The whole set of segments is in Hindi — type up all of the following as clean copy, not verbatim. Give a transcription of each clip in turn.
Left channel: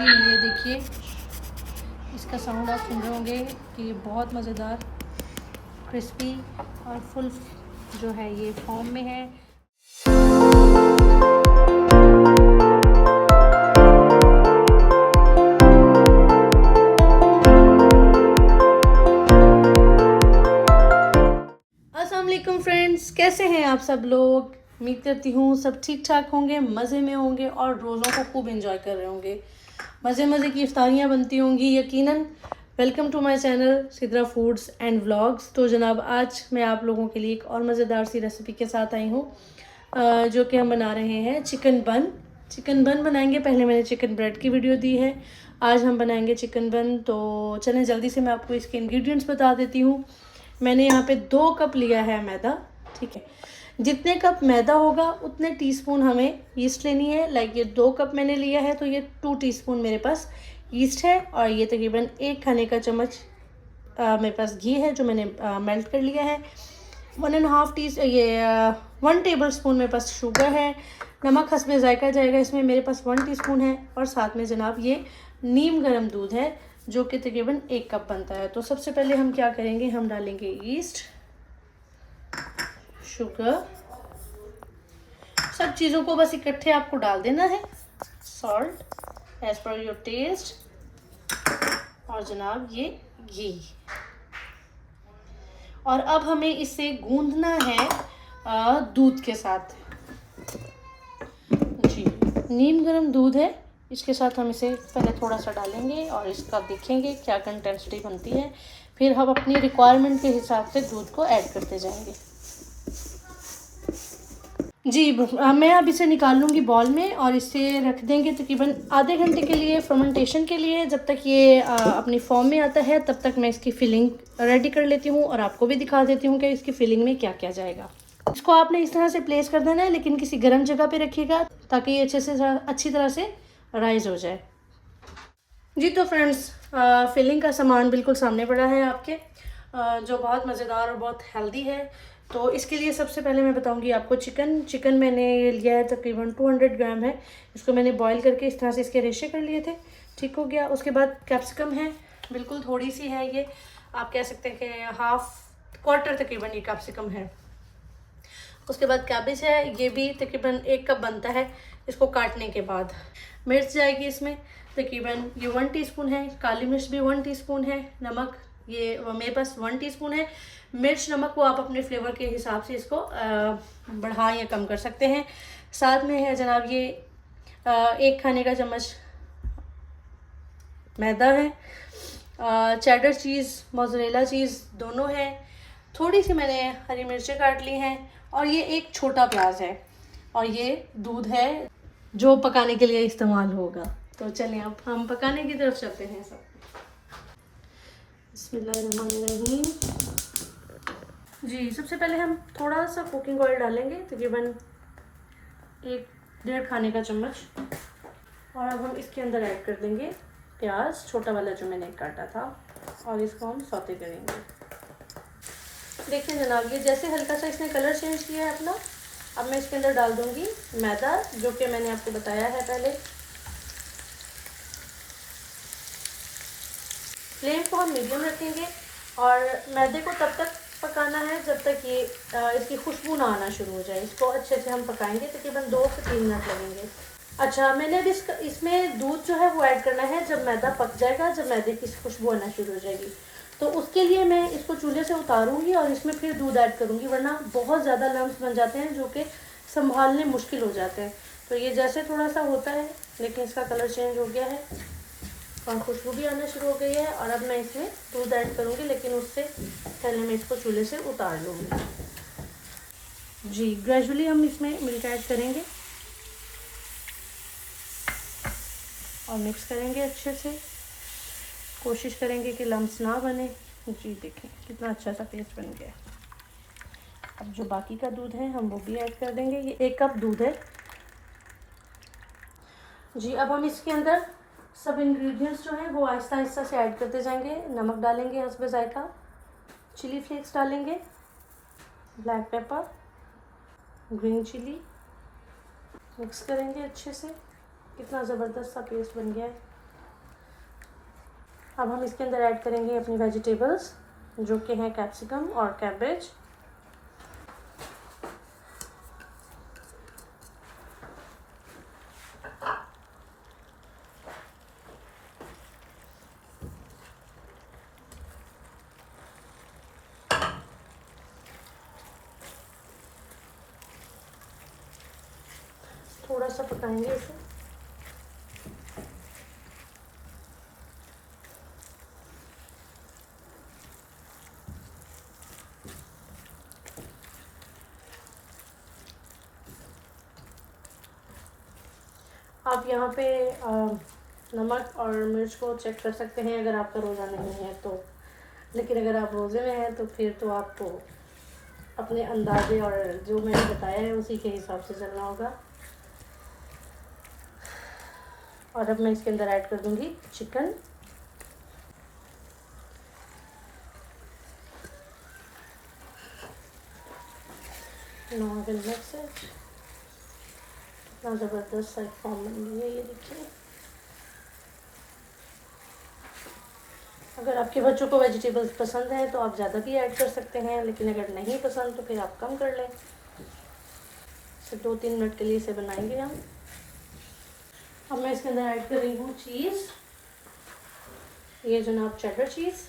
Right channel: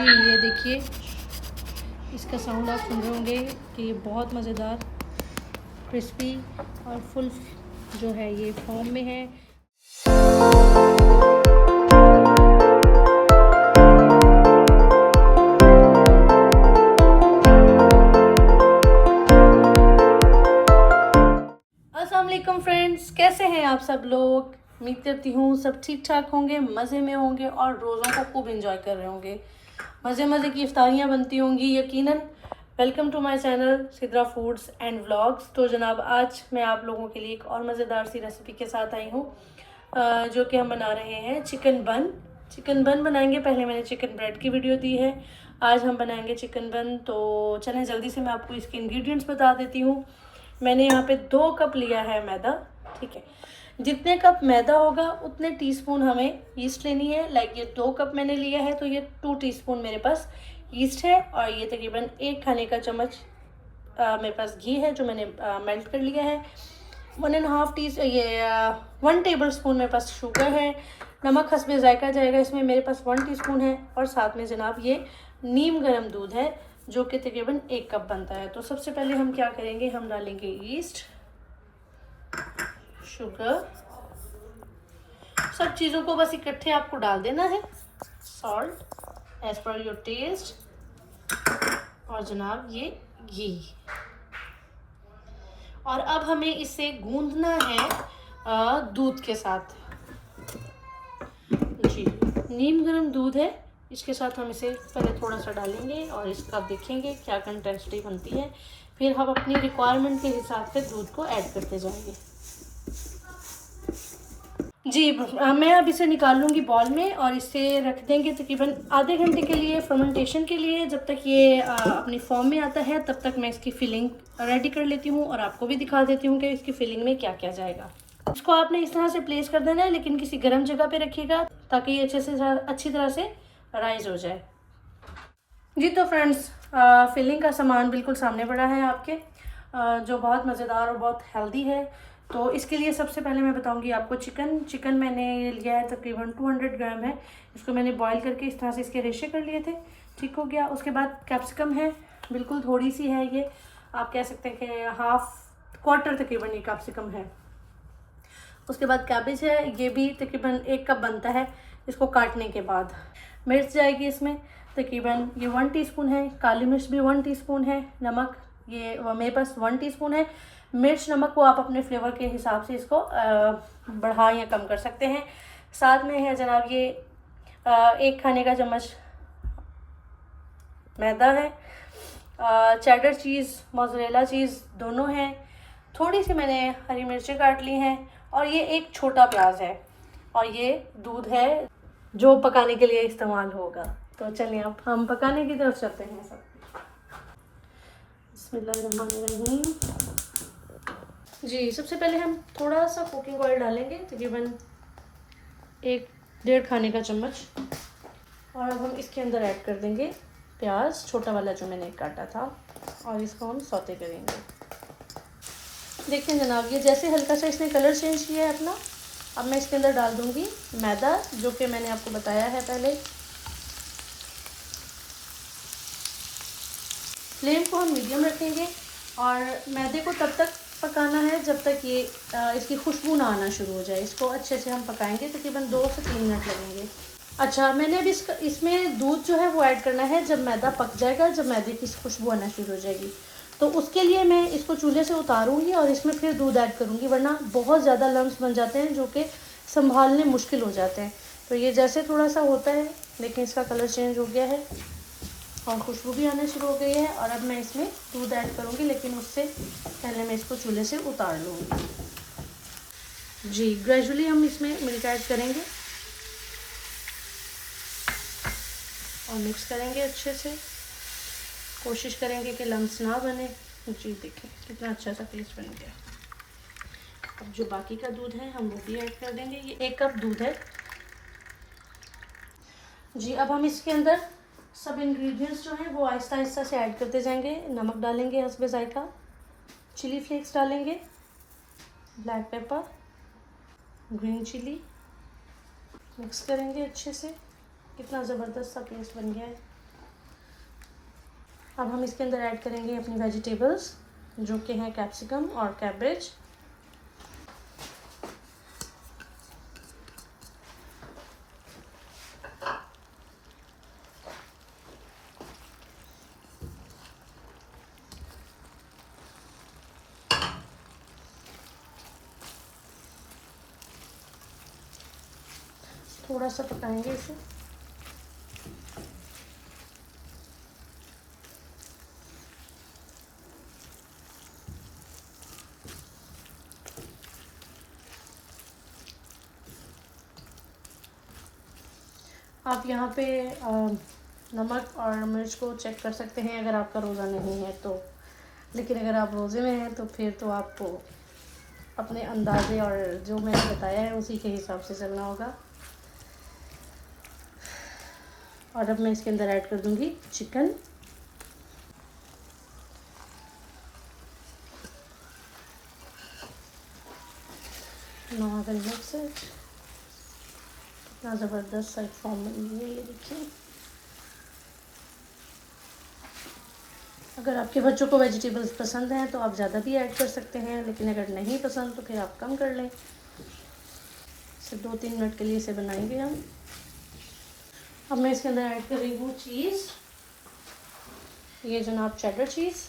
जी ये देखिए, इसका साउंड आप सुन रहे होंगे कि ये बहुत मज़ेदार क्रिस्पी और फुल जो है ये फॉर्म में है। अस्सलाम वालेकुम फ्रेंड्स, कैसे हैं आप सब लोग? उम्मीद करती हूँ सब ठीक ठाक होंगे, मज़े में होंगे और रोज़ों को खूब एंजॉय कर रहे होंगे। मज़े मज़े की इफ्तारियाँ बनती होंगी यकीनन। Welcome to my channel Sidra foods and vlogs. तो जनाब आज मैं आप लोगों के लिए एक और मज़ेदार सी रेसिपी के साथ आई हूँ, जो कि हम बना रहे हैं चिकन बन। चिकन बन बनाएंगे। पहले मैंने चिकन ब्रेड की वीडियो दी है, आज हम बनाएंगे चिकन बन। तो चलें जल्दी से मैं आपको इसके इंग्रेडिएंट्स बता देती हूँ। मैंने यहाँ पे 2 कप लिया है मैदा, ठीक है। जितने कप मैदा होगा उतने टीस्पून हमें ईस्ट लेनी है। लाइक ये 2 कप मैंने लिया है तो ये 2 टीस्पून मेरे पास ईस्ट है। और ये तकरीबन 1 खाने का चम्मच मेरे पास घी है जो मैंने मेल्ट कर लिया है। 1 टेबल स्पून मेरे पास शुगर है। नमक हस्बे जायका जाएगा इसमें, मेरे पास 1 टीस्पून है। और साथ में जनाब ये नीम गर्म दूध है जो कि तकरीबन 1 कप बनता है। तो सबसे पहले हम क्या करेंगे, हम डालेंगे ईस्ट, शुगर, सब चीज़ों को बस इकट्ठे आपको डाल देना है। Salt as per your taste, और जनाब ये घी। और अब हमें इसे गूंदना है दूध के साथ। जी नीम गर्म दूध है, इसके साथ हम इसे पहले थोड़ा सा डालेंगे और इसका देखेंगे क्या कंसिस्टेंसी बनती है। फिर हम अपनी रिक्वायरमेंट के हिसाब से दूध को ऐड करते जाएंगे। जी मैं अब इसे निकाल लूँगी बॉल में और इसे रख देंगे तकरीबन आधे घंटे के लिए फर्मेंटेशन के लिए। जब तक ये अपनी फॉर्म में आता है तब तक मैं इसकी फिलिंग रेडी कर लेती हूँ और आपको भी दिखा देती हूँ कि इसकी फिलिंग में क्या क्या जाएगा। इसको आपने इस तरह से प्लेस कर देना है, लेकिन किसी गर्म जगह पे रखिएगा ताकि ये अच्छी तरह से राइज हो जाए। जी तो फ्रेंड्स, फिलिंग का सामान बिल्कुल सामने पड़ा है आपके, जो बहुत मज़ेदार और बहुत हेल्दी है। तो इसके लिए सबसे पहले मैं बताऊंगी आपको चिकन मैंने ये लिया है तकरीबन 200 ग्राम है। इसको मैंने बॉईल करके इस तरह से इसके रेशे कर लिए थे, ठीक हो गया। उसके बाद कैप्सिकम है, बिल्कुल थोड़ी सी है ये, आप कह सकते हैं कि हाफ क्वार्टर तकरीबन ये कैप्सिकम है। उसके बाद कैबेज है, ये भी तकरीबन 1 कप बनता है इसको काटने के बाद। मिर्च जाएगी इसमें तकरीबन ये 1 टीस्पून है। काली मिर्च भी 1 टीस्पून है। नमक ये मेरे पास 1 टीस्पून है। मिर्च नमक को आप अपने फ्लेवर के हिसाब से इसको बढ़ा या कम कर सकते हैं। साथ में है जनाब ये 1 खाने का चम्मच मैदा है। चेडर चीज़, मोज़रेला चीज़ दोनों हैं। थोड़ी सी मैंने हरी मिर्चें काट ली हैं और ये एक छोटा प्याज है। और ये दूध है जो पकाने के लिए इस्तेमाल होगा। तो चलिए अब हम पकाने की तरफ चलते हैं सब। बिस्मिल्लाहिर्रहमानिर्रहीम। जी सबसे पहले हम थोड़ा सा कुकिंग ऑयल डालेंगे, तकरीबन 1-1.5 खाने का चम्मच। और अब हम इसके अंदर ऐड कर देंगे प्याज, छोटा वाला जो मैंने काटा था, और इसको हम सौते करेंगे। देखिए जनाब, ये जैसे हल्का सा इसने कलर चेंज किया है अपना, अब मैं इसके अंदर डाल दूंगी मैदा जो कि मैंने आपको बताया है पहले। फ्लेम को हम मीडियम रखेंगे और मैदे को तब तक पकाना है जब तक ये इसकी खुशबू ना आना शुरू हो जाए। इसको अच्छे से हम पकाएंगे, तकरीबन 2 से 3 मिनट लगेंगे। अच्छा, मैंने अब इसमें दूध जो है वो ऐड करना है जब मैदा पक जाएगा, जब मैदे की खुशबू आना शुरू हो जाएगी। तो उसके लिए मैं इसको चूल्हे से उतारूंगी और इसमें फिर दूध ऐड करूंगी, वरना बहुत ज़्यादा लम्स बन जाते हैं जो कि संभालने मुश्किल हो जाते हैं। तो ये जैसे थोड़ा सा होता है, लेकिन इसका कलर चेंज हो गया है और खुशबू भी आना शुरू हो गई है। और अब मैं इसमें दूध ऐड करूंगी, लेकिन उससे पहले मैं इसको चूल्हे से उतार लूँगी। जी ग्रेजुअली हम इसमें मिल्क ऐड करेंगे और मिक्स करेंगे अच्छे से। कोशिश करेंगे कि लम्स ना बने। जी देखें कितना अच्छा सा पेस्ट बन गया है। अब जो बाकी का दूध है हम वो भी ऐड कर देंगे। ये 1 कप दूध है। जी अब हम इसके अंदर सब इंग्रेडिएंट्स जो हैं वो आहिस्ता आहिस्ता से ऐड करते जाएंगे। नमक डालेंगे हस्बे जायका, चिली फ्लेक्स डालेंगे, black pepper, green chilli, mix करेंगे अच्छे से। कितना ज़बरदस्त सा पेस्ट बन गया है। अब हम इसके अंदर ऐड करेंगे अपनी वेजिटेबल्स, जो कि हैं कैप्सिकम और कैबेज। थोड़ा सा पकाएंगे इसे। आप यहाँ पे नमक और मिर्च को चेक कर सकते हैं अगर आपका रोज़ा नहीं है तो, लेकिन अगर आप रोज़े में हैं तो फिर तो आपको अपने अंदाजे और जो मैंने बताया है उसी के हिसाब से चलना होगा। और अब मैं इसके अंदर ऐड कर दूँगी चिकन। से इतना ज़बरदस्त सा फॉर्म बन गई है, ये देखिए। अगर आपके बच्चों को वेजिटेबल्स पसंद हैं तो आप ज़्यादा भी ऐड कर सकते हैं, लेकिन अगर नहीं पसंद तो फिर आप कम कर लें। इसे 2-3 मिनट के लिए इसे बनाएंगे हम। अब मैं इसके अंदर ऐड कर रही हूँ चीज़, ये जनाब चेडर चीज़।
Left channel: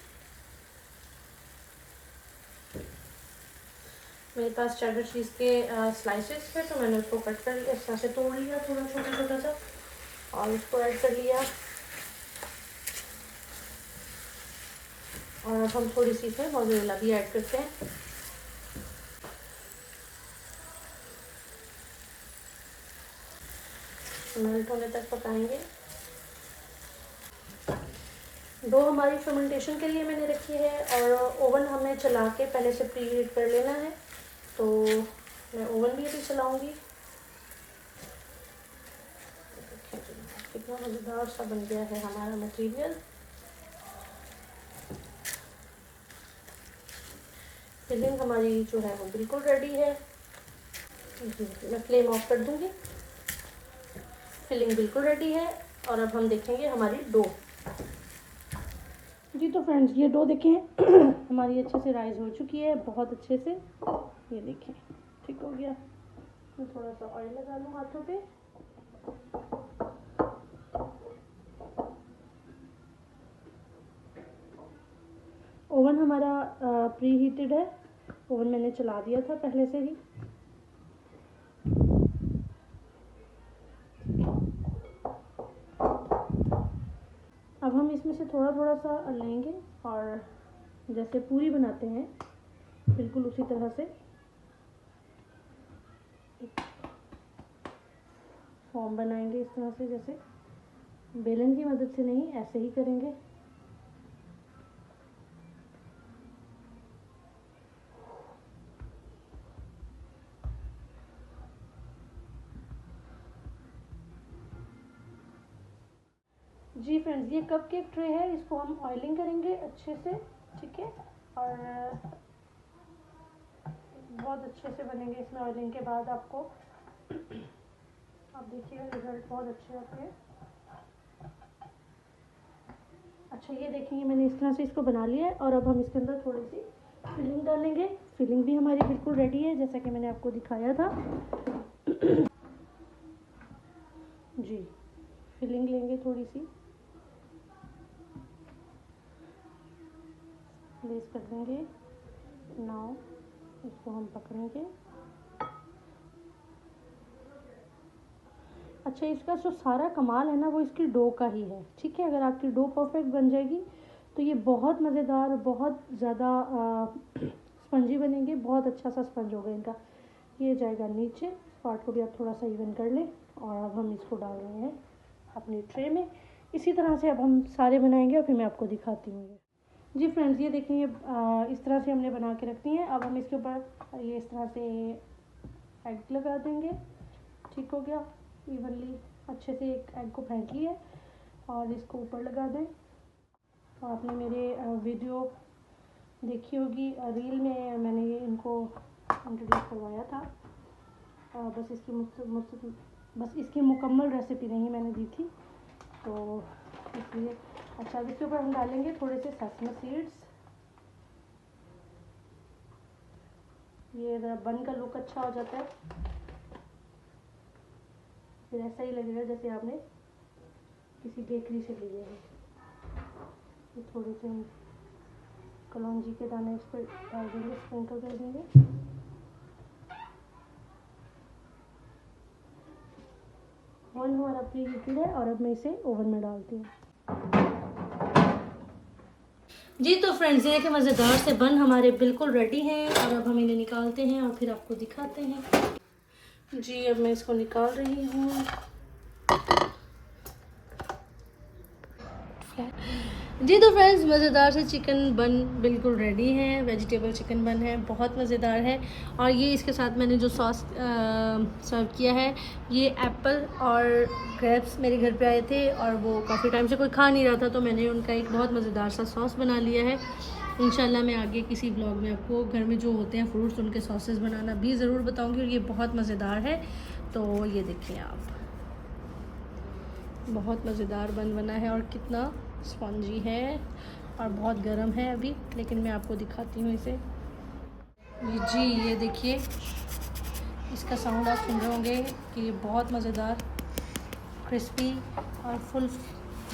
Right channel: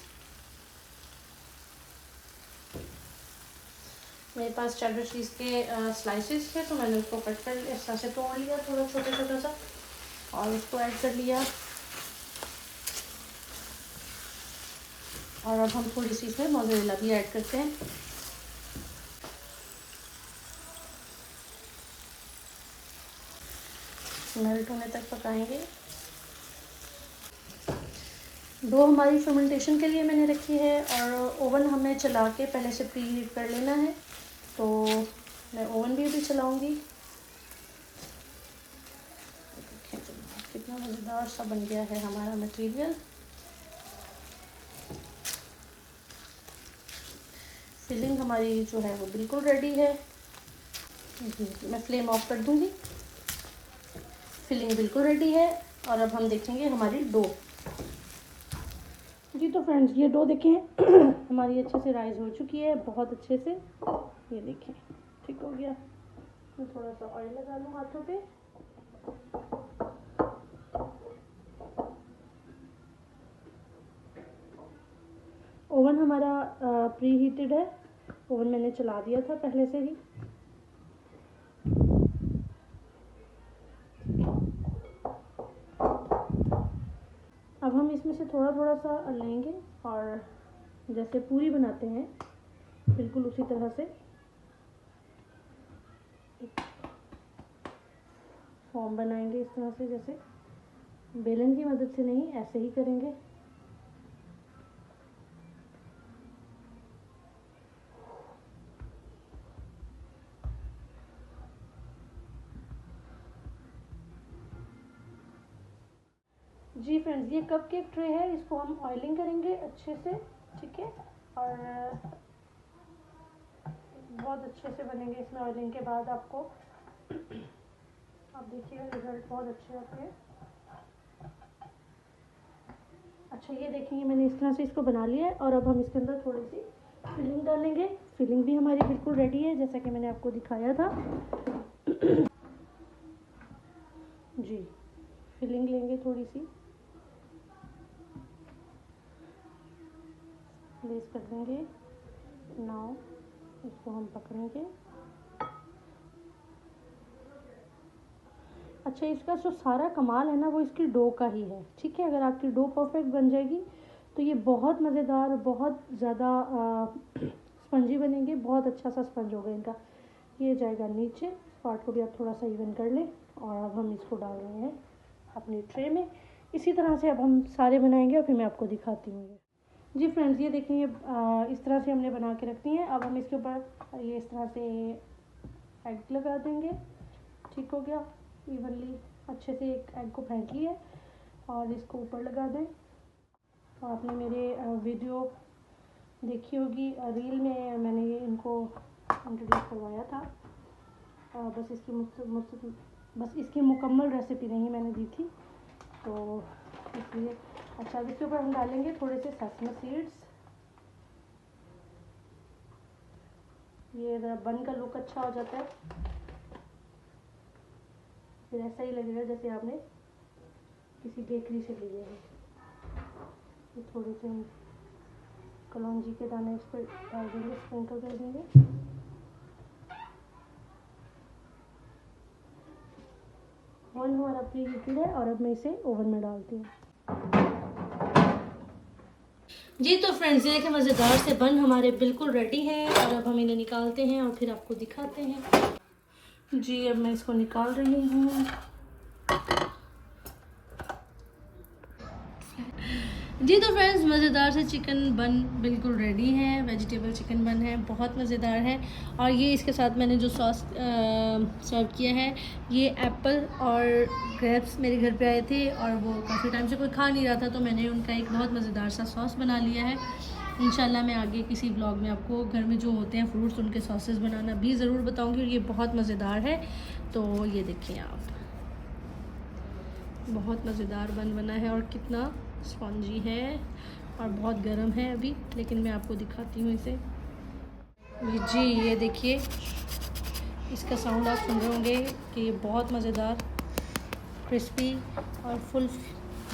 मेरे पास चेडर चीज़ के स्लाइसेस थे तो मैंने उसको कट कर लिया, इस तरह से तोड़ लिया थोड़ा छोटा छोटा सा, और उसको ऐड कर लिया। और अब हम थोड़ी सी इसमें मोज़रेला भी ऐड करते हैं। मेल्ट होने तक पकाएंगे। डो हमारी फर्मेंटेशन के लिए मैंने रखी है, और ओवन हमने चला के पहले से प्री हीट कर लेना है, तो मैं ओवन भी अभी चलाऊंगी। कितना मज़ेदार सा बन गया है हमारा मटेरियल। फिलिंग हमारी जो है वो बिल्कुल रेडी है। मैं फ्लेम ऑफ कर दूंगी। फिलिंग बिल्कुल रेडी है, और अब हम देखेंगे हमारी डो। जी तो फ्रेंड्स, ये डो देखें हमारी अच्छे से राइज हो चुकी है, बहुत अच्छे से। ये देखें ठीक हो गया। मैं थोड़ा सा ऑयल लगा लूँ हाथों पे। ओवन हमारा प्री हीटेड है, ओवन मैंने चला दिया था पहले से ही। अब हम इसमें से थोड़ा थोड़ा सा लेंगे, और जैसे पूरी बनाते हैं बिल्कुल उसी तरह से फॉर्म बनाएंगे, इस तरह से, जैसे बेलन की मदद से नहीं, ऐसे ही करेंगे। जी फ्रेंड्स, ये कप केक ट्रे है, इसको हम ऑयलिंग करेंगे अच्छे से, ठीक है। और बहुत अच्छे से बनेंगे इसमें ऑयलिंग के बाद। आपको आप देखिएगा रिजल्ट बहुत अच्छे आते हैं। अच्छा, ये देखेंगे मैंने इस तरह से इसको बना लिया है, और अब हम इसके अंदर थोड़ी सी फिलिंग डालेंगे। फिलिंग भी हमारी बिल्कुल रेडी है, जैसा कि मैंने आपको दिखाया था। जी, फिलिंग लेंगे थोड़ी सी, प्लेस कर देंगे। नाउ इसको हम पकड़ेंगे। अच्छा, इसका जो सारा कमाल है ना, वो इसकी डो का ही है, ठीक है। अगर आपकी डो परफेक्ट बन जाएगी तो ये बहुत मज़ेदार, बहुत ज़्यादा स्पंजी बनेंगे। बहुत अच्छा सा स्पंज होगा इनका। ये जाएगा नीचे, इस पार्ट को भी आप थोड़ा सा इवन कर लें। और अब हम इसको डाल रहे हैं अपनी ट्रे में। इसी तरह से अब हम सारे बनाएंगे, और फिर मैं आपको दिखाती हूँ। जी फ्रेंड्स, ये देखें, ये इस तरह से हमने बना के रखती हैं। अब हम इसके ऊपर ये इस तरह से एग लगा देंगे। ठीक हो गया, इवनली अच्छे से एक एग को फेंट लिया, और इसको ऊपर लगा दें। तो आपने मेरे वीडियो देखी होगी, रील में मैंने ये इनको इंट्रोड्यूस करवाया था। बस इसकी मुकम्मल रेसिपी नहीं मैंने दी थी, तो इसलिए अच्छा, अब इसके ऊपर हम डालेंगे थोड़े से सेसमे सीड्स। ये बन का लुक अच्छा हो जाता है, फिर ऐसा ही लगेगा जैसे आपने किसी बेकरी से लिए हैं। ये थोड़े से हम कलौंजी के दाने इस पर डाल देंगे, स्प्रिंकल कर देंगे। ओवन हमारा प्री हीटेड है और अब मैं इसे ओवन में डालती हूँ। जी तो फ्रेंड्स, ये देखें मज़ेदार से बन हमारे बिल्कुल रेडी हैं और अब हम इन्हें निकालते हैं और फिर आपको दिखाते हैं। जी अब मैं इसको निकाल रही हूँ। जी तो फ्रेंड्स, मज़ेदार से चिकन बन बिल्कुल रेडी है। वेजिटेबल चिकन बन है, बहुत मज़ेदार है। और ये इसके साथ मैंने जो सॉस सर्व किया है, ये एप्पल और ग्रेप्स मेरे घर पे आए थे और वो काफ़ी टाइम से कोई खा नहीं रहा था, तो मैंने उनका एक बहुत मज़ेदार सा सॉस बना लिया है। इंशाल्लाह मैं आगे किसी ब्लॉग में आपको घर में जो होते हैं फ्रूट्स, उनके सॉसेस बनाना भी ज़रूर बताऊँगी। और ये बहुत मज़ेदार है। तो ये देखिए आप, बहुत मज़ेदार बन बना है और कितना स्पॉन्जी है और बहुत गर्म है अभी, लेकिन मैं आपको दिखाती हूँ इसे। जी ये देखिए, इसका साउंड आप सुन रहे होंगे कि ये बहुत मज़ेदार क्रिस्पी और फुल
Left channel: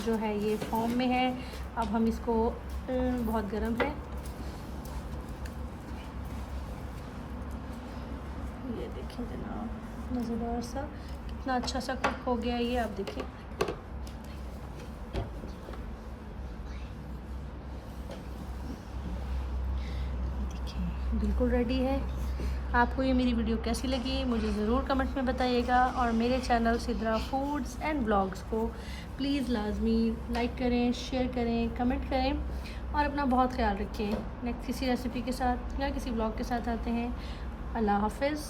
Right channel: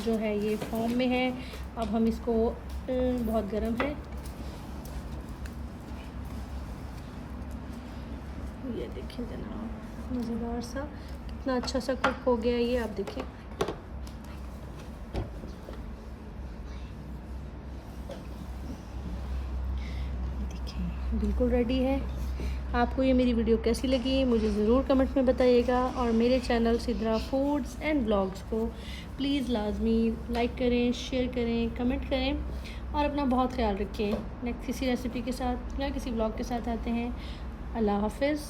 जो है ये फॉर्म में है। अब हम इसको बहुत गर्म है, ये देखिए जनाब, मज़ेदार सा कितना अच्छा सा कुक हो गया ये, आप देखिए। बिल्कुल रेडी है। आपको ये मेरी वीडियो कैसी लगी मुझे ज़रूर कमेंट्स में बताइएगा। और मेरे channel Sidra foods and blogs को प्लीज़ लाजमी लाइक करें, शेयर करें, कमेंट करें और अपना बहुत ख्याल रखें। नेक्स्ट किसी रेसिपी के साथ या किसी ब्लॉग के साथ आते हैं। अल्लाह हाफ़िज़।